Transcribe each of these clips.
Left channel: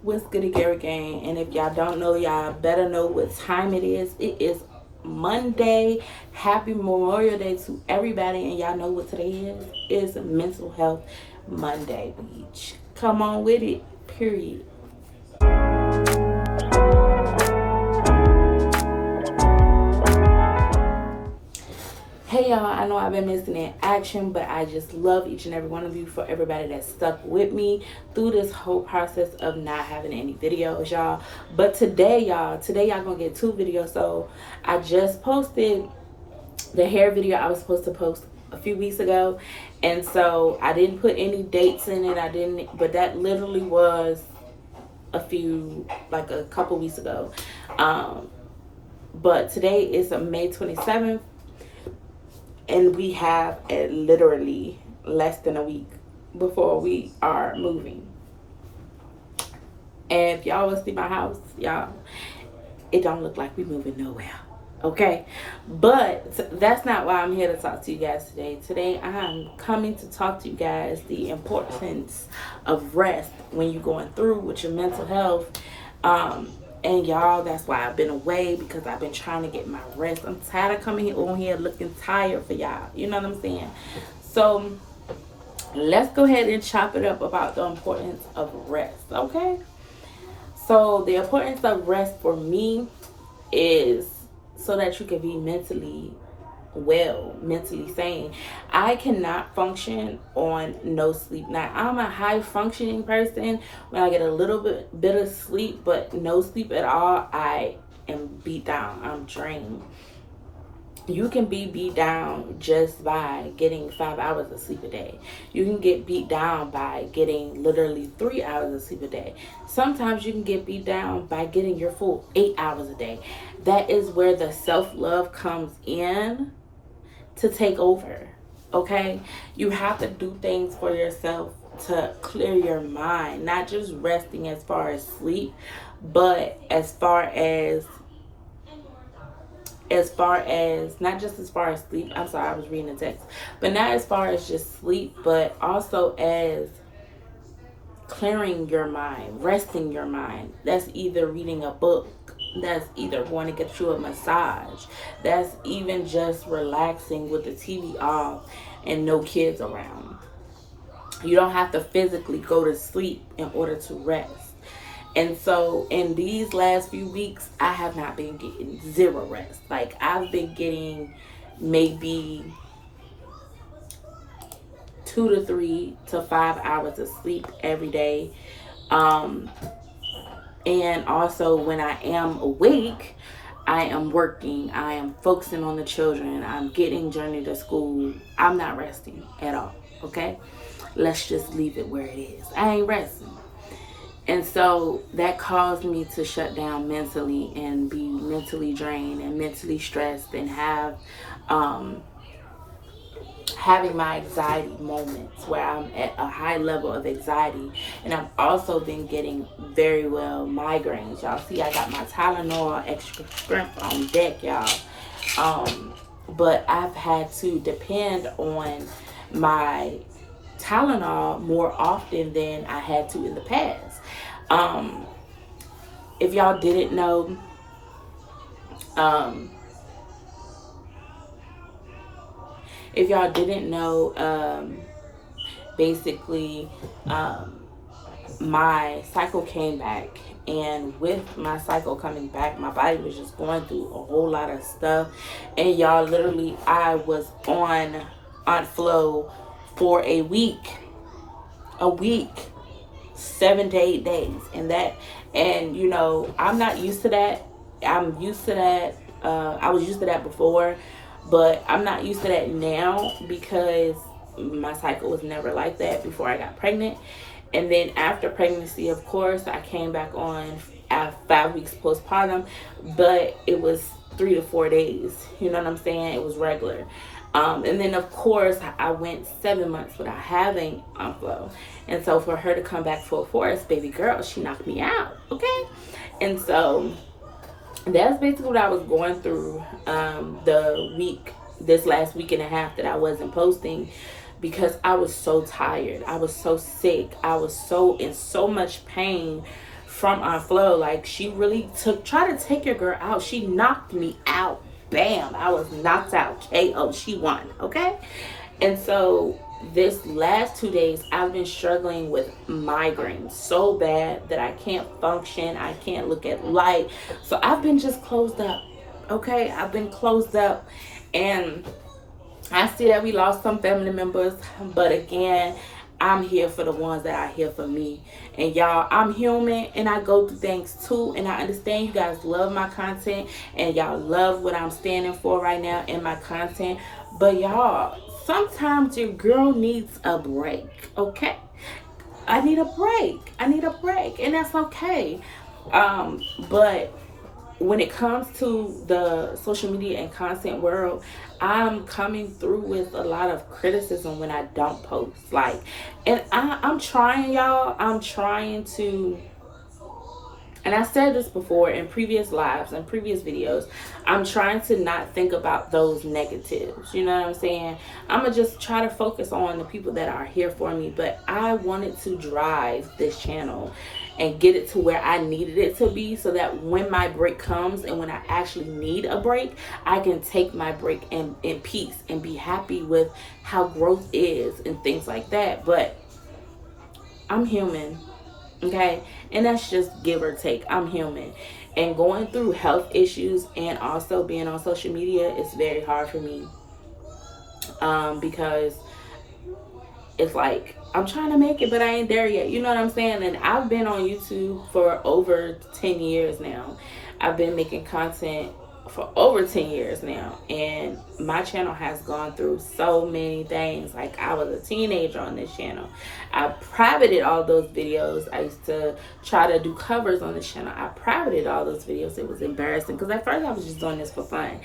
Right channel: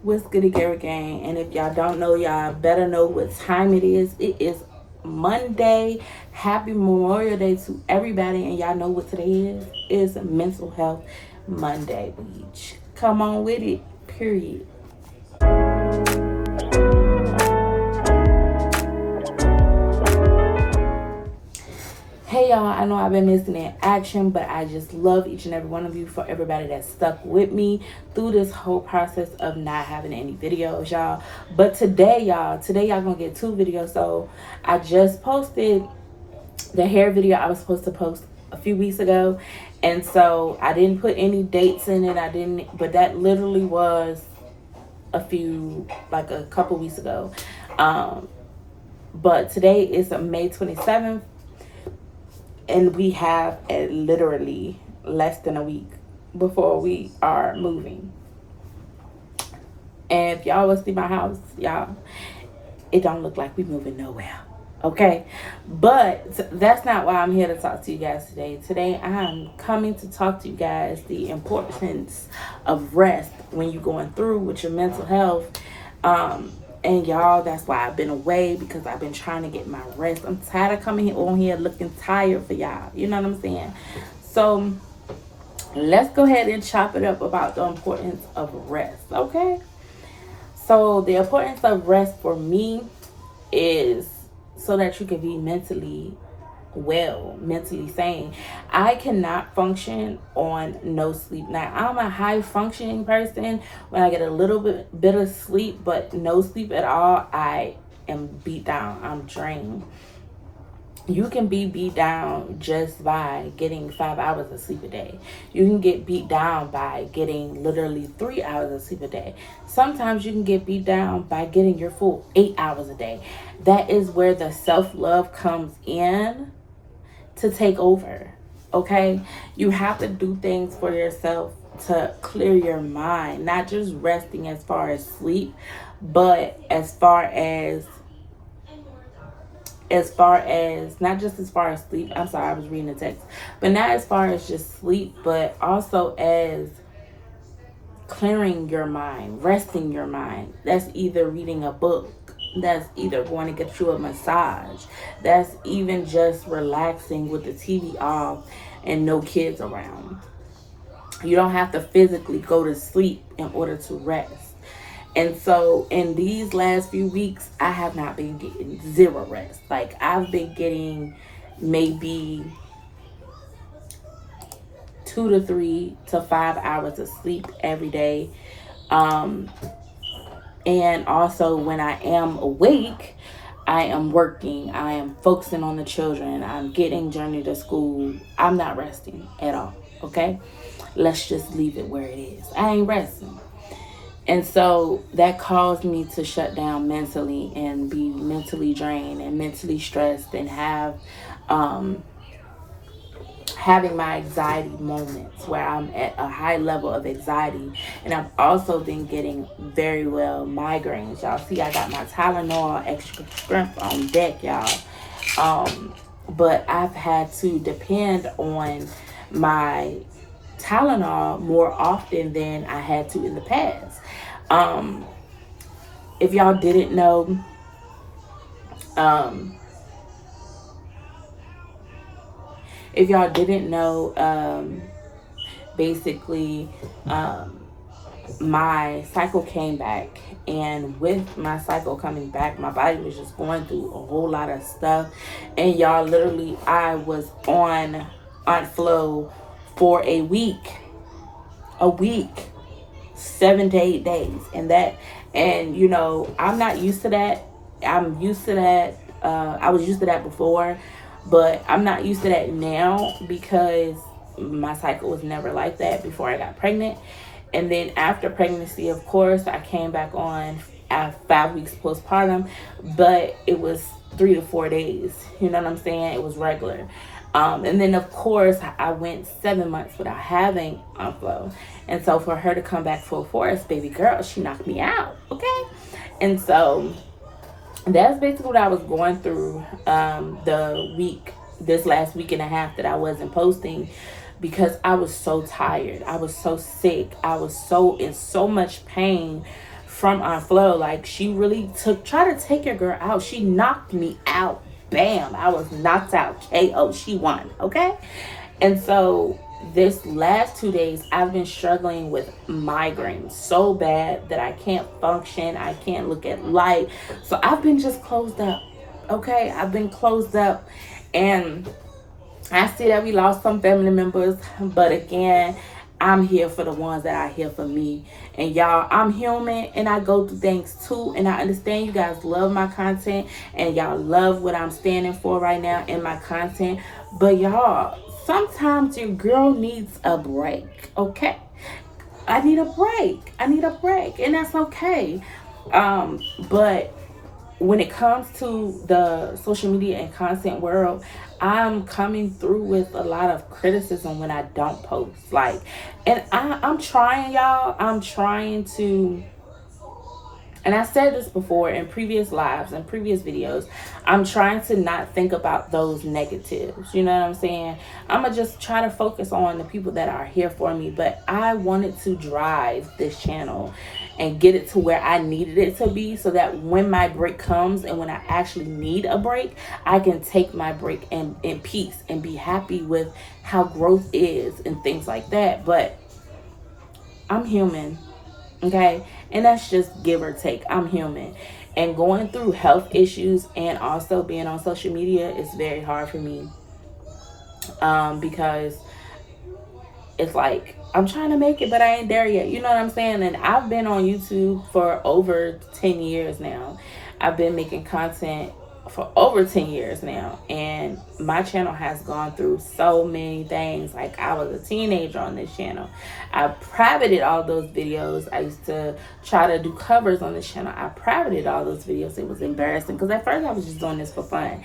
What's good, Gary Gang? And if y'all don't know, y'all better know what time it is. It is Monday. Happy Memorial Day to everybody. And y'all know what today is? It's Mental Health Monday, bitch. Come on with it, period. Hey y'all, I know I've been missing in action, but I just love each and every one of you for everybody that stuck with me through this whole process of not having any videos, y'all. But today y'all gonna get two videos. So I just posted the hair video I was supposed to post a few weeks ago, and so I didn't put any dates in it. I didn't, but that literally was a couple weeks ago. But today is May 27th, and we have literally less than a week before we are moving. And if y'all will see my house, y'all, it don't look like we moving nowhere. Okay, but that's not why I'm here to talk to you guys today. Today I'm coming to talk to you guys the importance of rest when you're going through with your mental health. And y'all, that's why I've been away, because I've been trying to get my rest. I'm tired of coming on here looking tired for y'all. You know what I'm saying? So let's go ahead and chop it up about the importance of rest. Okay. So the importance of rest for me is so that you can be mentally well, mentally sane. I cannot function on no sleep. Now, I'm a high functioning person when I get a little bit of sleep, but no sleep at all, I am beat down. I'm drained. You can be beat down just by getting 5 hours of sleep a day. You can get beat down by getting literally 3 hours of sleep a day. Sometimes you can get beat down by getting your full 8 hours a day. That is where the self-love comes in to take over. Okay? You have to do things for yourself to clear your mind, not just resting as far as sleep, but as far as not just as far as sleep. I'm sorry, I was reading the text. But not as far as just sleep, but also as clearing your mind, resting your mind. That's either reading a book, that's either going to get you a massage, that's even just relaxing with the TV off and no kids around. You don't have to physically go to sleep in order to rest. And so in these last few weeks, I have not been getting zero rest. Like, I've been getting maybe 2 to 3 to 5 hours of sleep every day. And also when I am awake, I am working. I am focusing on the children. I'm getting Journey to school. I'm not resting at all. Okay? Let's just leave it where it is. I ain't resting. And so that caused me to shut down mentally and be mentally drained and mentally stressed and having my anxiety moments where I'm at a high level of anxiety. And I've also been getting very well migraines. Y'all see, I got my Tylenol extra strength on deck, y'all. But I've had to depend on my Tylenol more often than I had to in the past. If y'all didn't know, if y'all didn't know, basically, my cycle came back, and with my cycle coming back, my body was just going through a whole lot of stuff. And y'all, literally, I was on Aunt Flo for a week, 7 to 8 days, and you know, I'm not used to that. I'm used to that. I was used to that before, but I'm not used to that now, because my cycle was never like that before I got pregnant. And then after pregnancy, of course, I came back on at 5 weeks postpartum, but it was 3 to 4 days. You know what I'm saying? It was regular. And then, of course, I went 7 months without having Flow. And so for her to come back full force, baby girl, she knocked me out. Okay? And so that's basically what I was going through this last week and a half that I wasn't posting, because I was so tired. I was so sick. I was so in so much pain from Aunt Flo. Like, she really try to take your girl out. She knocked me out. Bam, I was knocked out. KO. She won. Okay. And so this last 2 days, I've been struggling with migraines so bad that I can't function. I can't look at light. So I've been just closed up. Okay. I've been closed up, and I see that we lost some family members, but again, I'm here for the ones that are here for me. And y'all, I'm human and I go through things too. And I understand you guys love my content and y'all love what I'm standing for right now in my content. But y'all, sometimes your girl needs a break, okay? I need a break. I need a break, and that's okay. But when it comes to the social media and content world, I'm coming through with a lot of criticism when I don't post. Like, and I'm trying, y'all. I'm trying to, and I said this before in previous lives and previous videos, I'm trying to not think about those negatives. You know what I'm saying? I'm going to just try to focus on the people that are here for me. But I wanted to drive this channel and get it to where I needed it to be, so that when my break comes and when I actually need a break, I can take my break in peace and be happy with how growth is and things like that. But I'm human. Okay, and that's just give or take. I'm human, and going through health issues and also being on social media is very hard for me, because it's like I'm trying to make it, but I ain't there yet. You know what I'm saying? And I've been on YouTube for over 10 years now. I've been making content for over 10 years now, and my channel has gone through so many things. Like, I was a teenager on this channel. I privated all those videos. I used to try to do covers on this channel. I privated all those videos. It was embarrassing because at first I was just doing this for fun,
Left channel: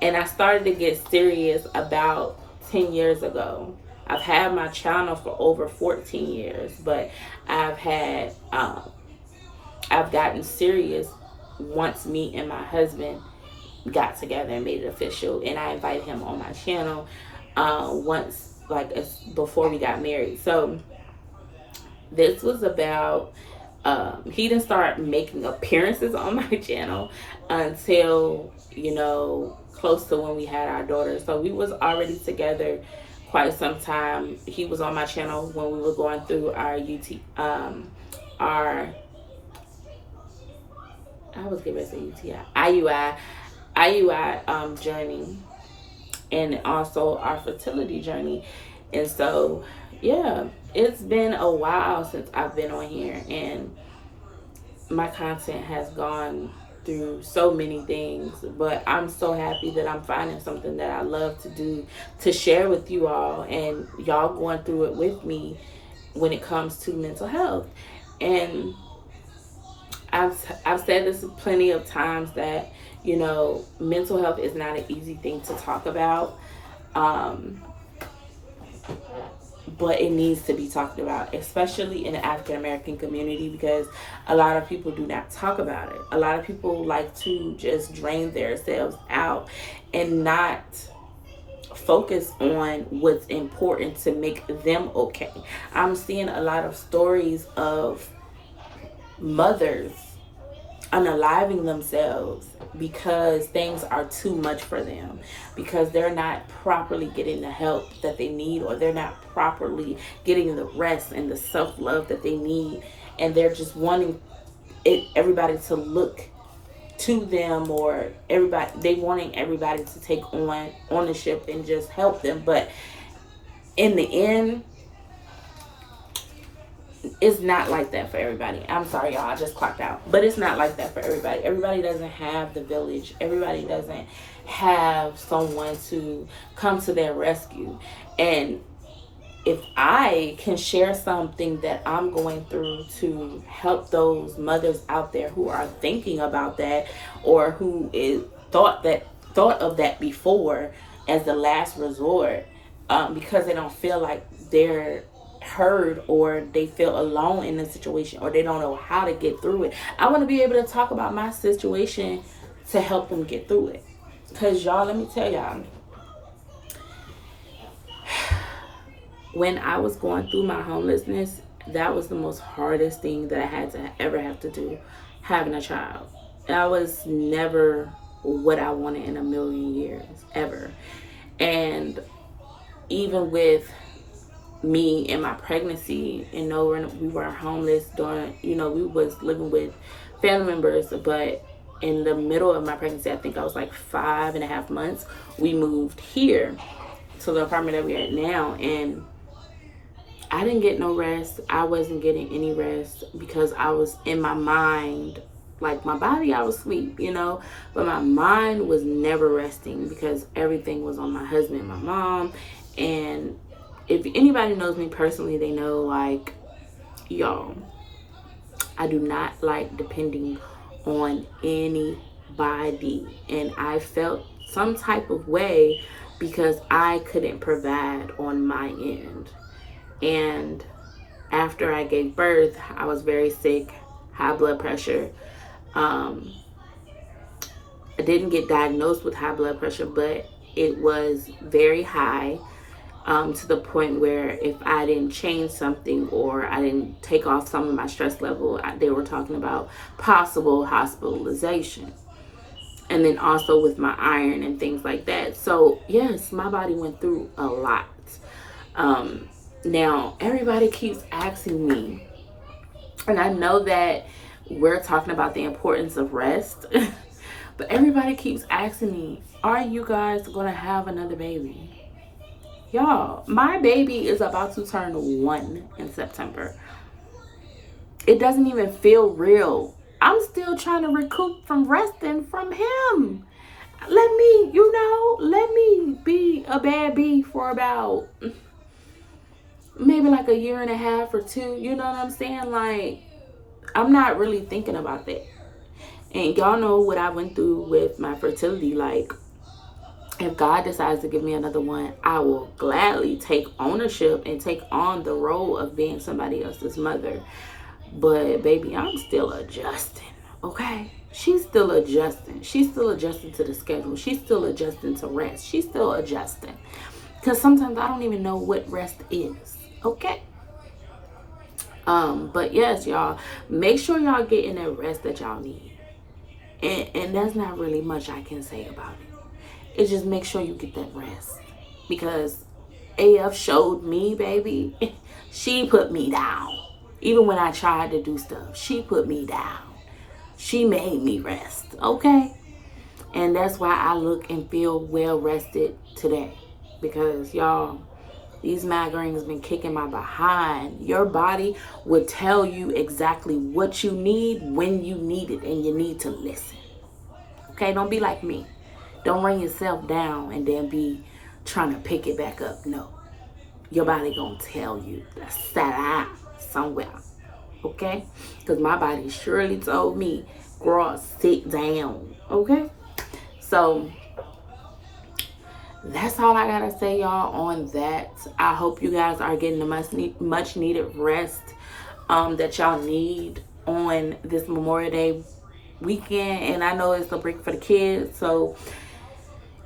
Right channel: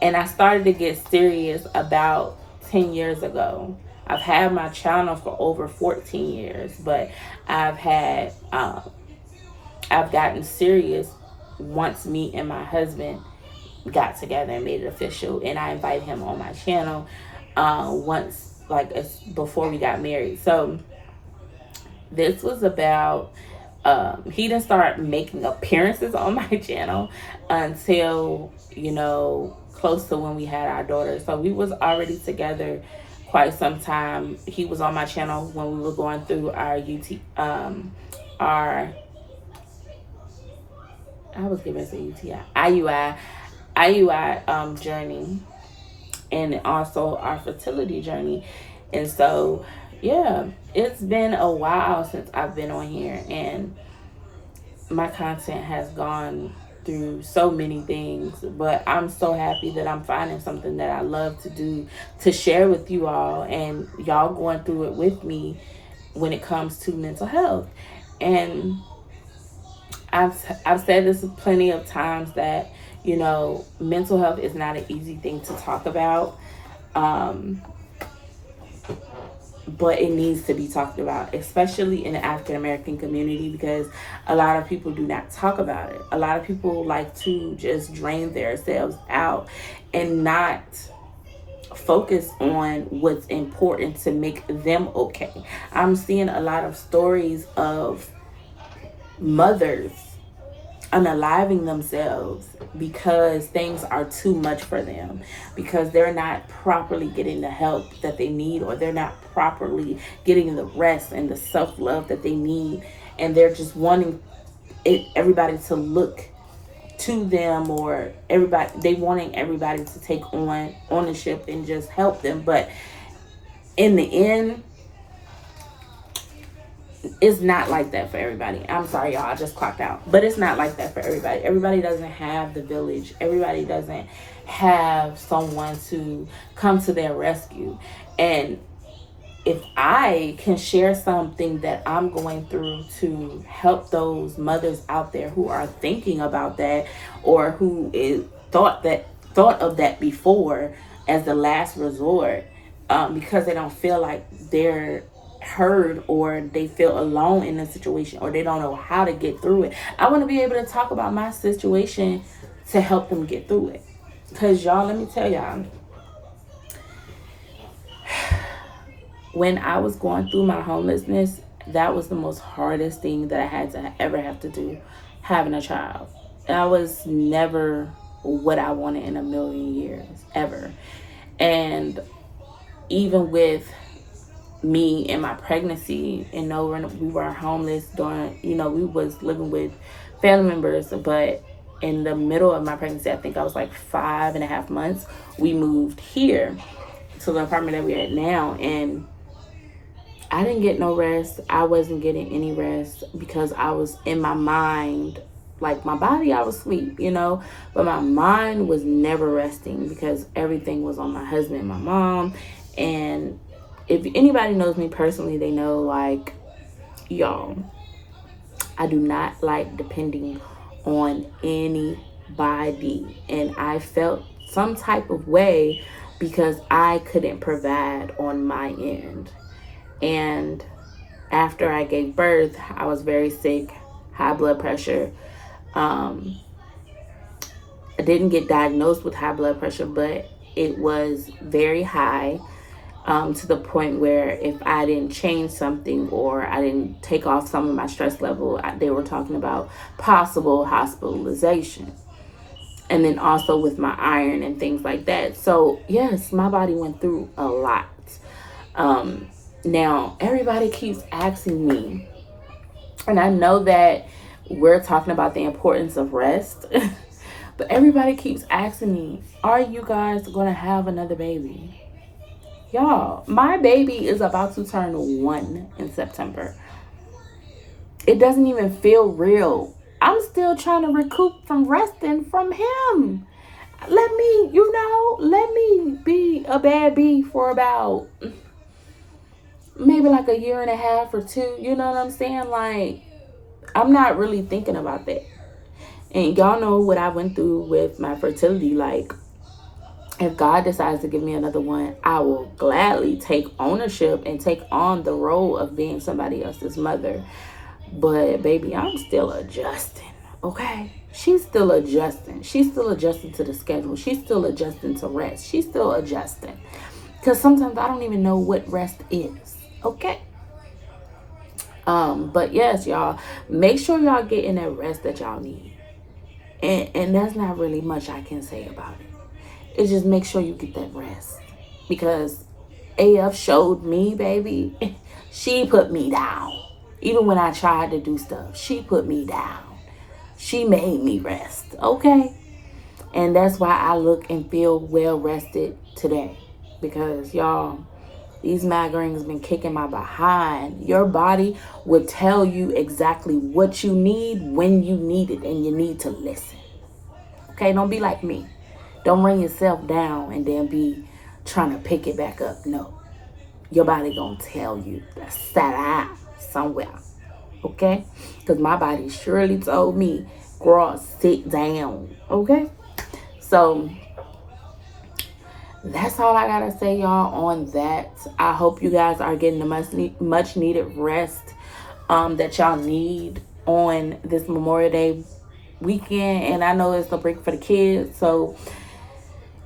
and I started to get serious about 10 years ago. I've had my channel for over 14 years, but I've gotten serious once me and my husband got together and made it official, and I invited him on my channel once, like, before we got married. So this was about he didn't start making appearances on my channel until, you know, close to when we had our daughter. So we was already together quite some time. He was on my channel when we were going through our IUI journey, and also our fertility journey. And so, yeah, it's been a while since I've been on here, and my content has gone through so many things, but I'm so happy that I'm finding something that I love to do, to share with you all, and y'all going through it with me when it comes to mental health. And I've said this plenty of times that, you know, mental health is not an easy thing to talk about. But it needs to be talked about, especially in the African American community, because a lot of people do not talk about it. A lot of people like to just drain themselves out and not focus on what's important to make them okay. I'm seeing a lot of stories of mothers unaliving themselves because things are too much for them, because they're not properly getting the help that they need, or they're not properly getting the rest and the self-love that they need, and they're just wanting everybody to look to them, or they wanting everybody to take on ownership and just help them. But in the end, it's not like that for everybody. I'm sorry, y'all, I just clocked out. But it's not like that for everybody. Everybody doesn't have the village. Everybody doesn't have someone to come to their rescue. And if I can share something that I'm going through to help those mothers out there who are thinking about that, or who thought of that before as the last resort, because they don't feel like they're heard, or they feel alone in a situation, or they don't know how to get through it. I want to be able to talk about my situation to help them get through it. Because y'all, let me tell y'all, when I was going through my homelessness, that was the most hardest thing that I had to ever have to do, having a child. That was never what I wanted in a million years, ever. And even with me and my pregnancy, and we were homeless during, we was living with family members, but in the middle of my pregnancy, I think I was like 5.5 months, we moved here to the apartment that we're at now, and I didn't get no rest. I wasn't getting any rest because I was in my mind, like my body, I was asleep, but my mind was never resting because everything was on my husband and my mom. And if anybody knows me personally, they know, like, y'all, I do not like depending on anybody. And I felt some type of way because I couldn't provide on my end. And after I gave birth, I was very sick, high blood pressure. I didn't get diagnosed with high blood pressure, but it was very high, to the point where if I didn't change something or I didn't take off some of my stress level, they were talking about possible hospitalization. And then also with my iron and things like that. So yes, my body went through a lot. Now, everybody keeps asking me, and I know that we're talking about the importance of rest, but everybody keeps asking me, are you guys going to have another baby? Y'all, my baby is about to turn 1 in September. It doesn't even feel real. I'm still trying to recoup from resting from him. Let me be a bad bee for about maybe like a year and a half or two. You know what I'm saying? Like, I'm not really thinking about that. And y'all know what I went through with my fertility. Like, if God decides to give me another one, I will gladly take ownership and take on the role of being somebody else's mother. But baby, I'm still adjusting, okay? She's still adjusting. She's still adjusting to the schedule. She's still adjusting to rest. She's still adjusting. Because sometimes I don't even know what rest is, okay? But yes, y'all, make sure y'all getting that rest that y'all need. And that's not really much I can say about it. It's just make sure you get that rest. Because AF showed me, baby, she put me down. Even when I tried to do stuff, she put me down. She made me rest, okay? And that's why I look and feel well rested today. Because, y'all, these migraines been kicking my behind. Your body will tell you exactly what you need when you need it, and you need to listen. Okay, don't be like me. Don't bring yourself down and then be trying to pick it back up. No. Your body gonna tell you to sit somewhere. Okay? Because my body surely told me, girl, sit down. Okay? So that's all I gotta say, y'all, on that. I hope you guys are getting the much needed rest that y'all need on this Memorial Day weekend. And I know it's a break for the kids, so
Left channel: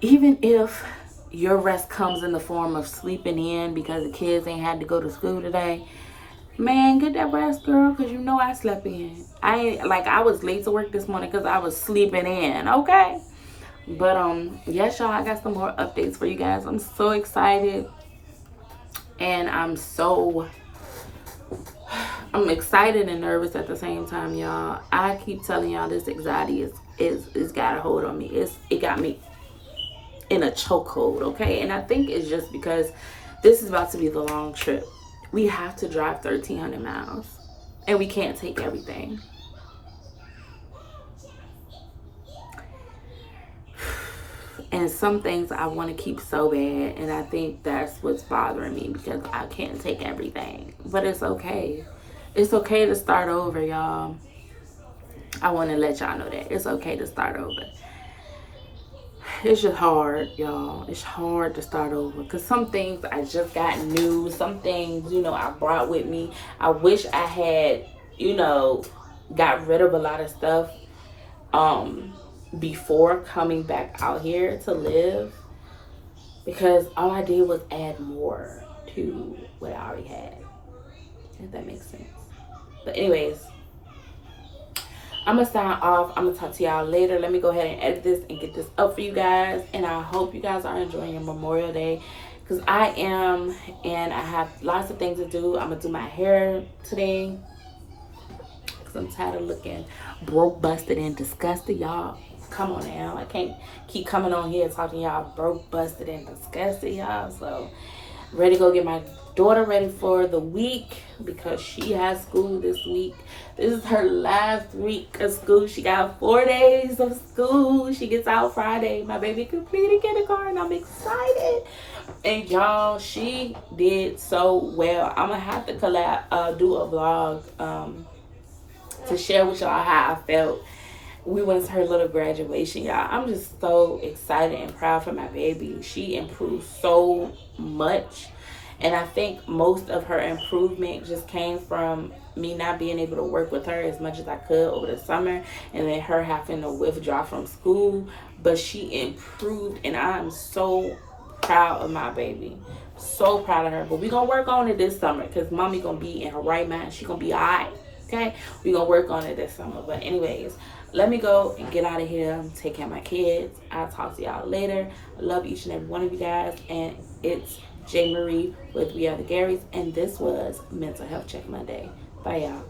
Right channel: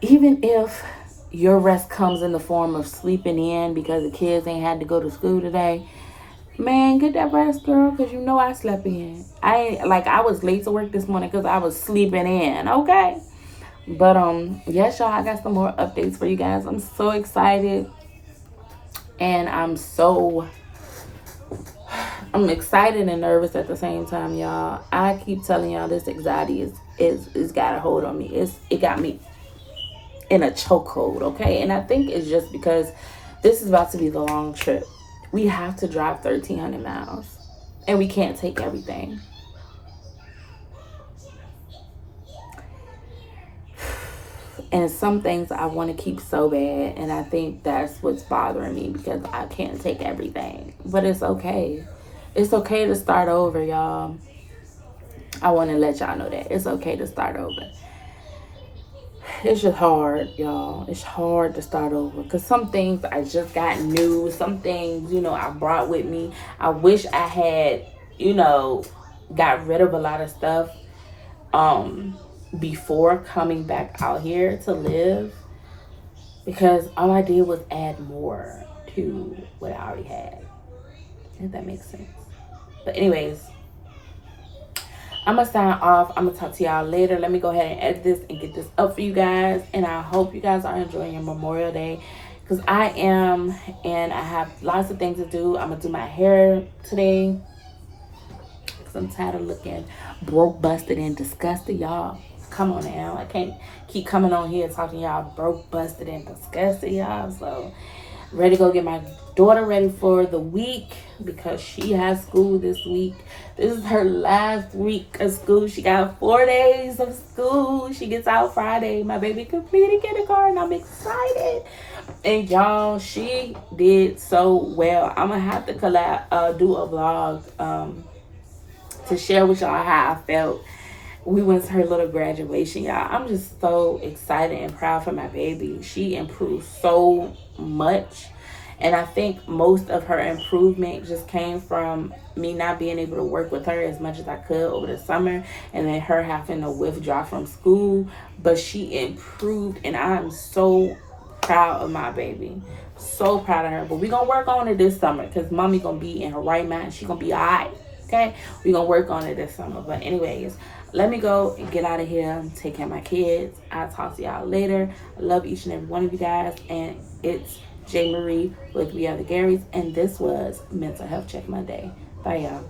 even if your rest comes in the form of sleeping in because the kids ain't had to go to school today, man, get that rest, girl, because you know I slept in. I was late to work this morning because I was sleeping in, okay? But yes, y'all, I got some more updates for you guys. I'm so excited, and I'm excited and nervous at the same time, y'all. I keep telling y'all, this anxiety is got a hold on me. It got me in a chokehold, okay? And I think it's just because this is about to be the long trip. We have to drive 1,300 miles, and we can't take everything. And some things I want to keep so bad, and I think that's what's bothering me because I can't take everything. But it's okay. It's okay to start over, y'all. I want to let y'all know that. It's okay to start over. It's just hard, y'all. It's hard to start over because some things I just got new. Some things, I brought with me. I wish I had, got rid of a lot of stuff before coming back out here to live, because all I did was add more to what I already had. if that makes sense. But anyways, I'm gonna sign off. I'm gonna talk to y'all later. Let me go ahead and edit this and get this up for you guys. And I hope you guys are enjoying your Memorial Day, because I am, and I have lots of things to do. I'm gonna do my hair today because I'm tired of looking broke, busted, and disgusted, y'all. Come on now, I can't keep coming on here talking y'all broke, busted, and disgusted, y'all. So ready to go get my daughter ready for the week, because she has school this week. This is her last week of school. She got 4 days of school. She gets out Friday. My baby completed kindergarten. I'm excited. And y'all, she did so well. I'm gonna have to do a vlog to share with y'all how I felt. We went to her little graduation, y'all. I'm just so excited and proud for my baby. She improved so much. And I think most of her improvement just came from me not being able to work with her as much as I could over the summer, and then her having to withdraw from school. But she improved, and I'm so proud of my baby. So proud of her. But we're going to work on it this summer, because mommy going to be in her right mind. She going to be all right. Okay? We're going to work on it this summer. But anyways, let me go and get out of here. Take care of my kids. I'll talk to y'all later. I love each and every one of you guys. And it's J. Marie with We Are the Garys, and this was Mental Health Check Monday. Bye, y'all.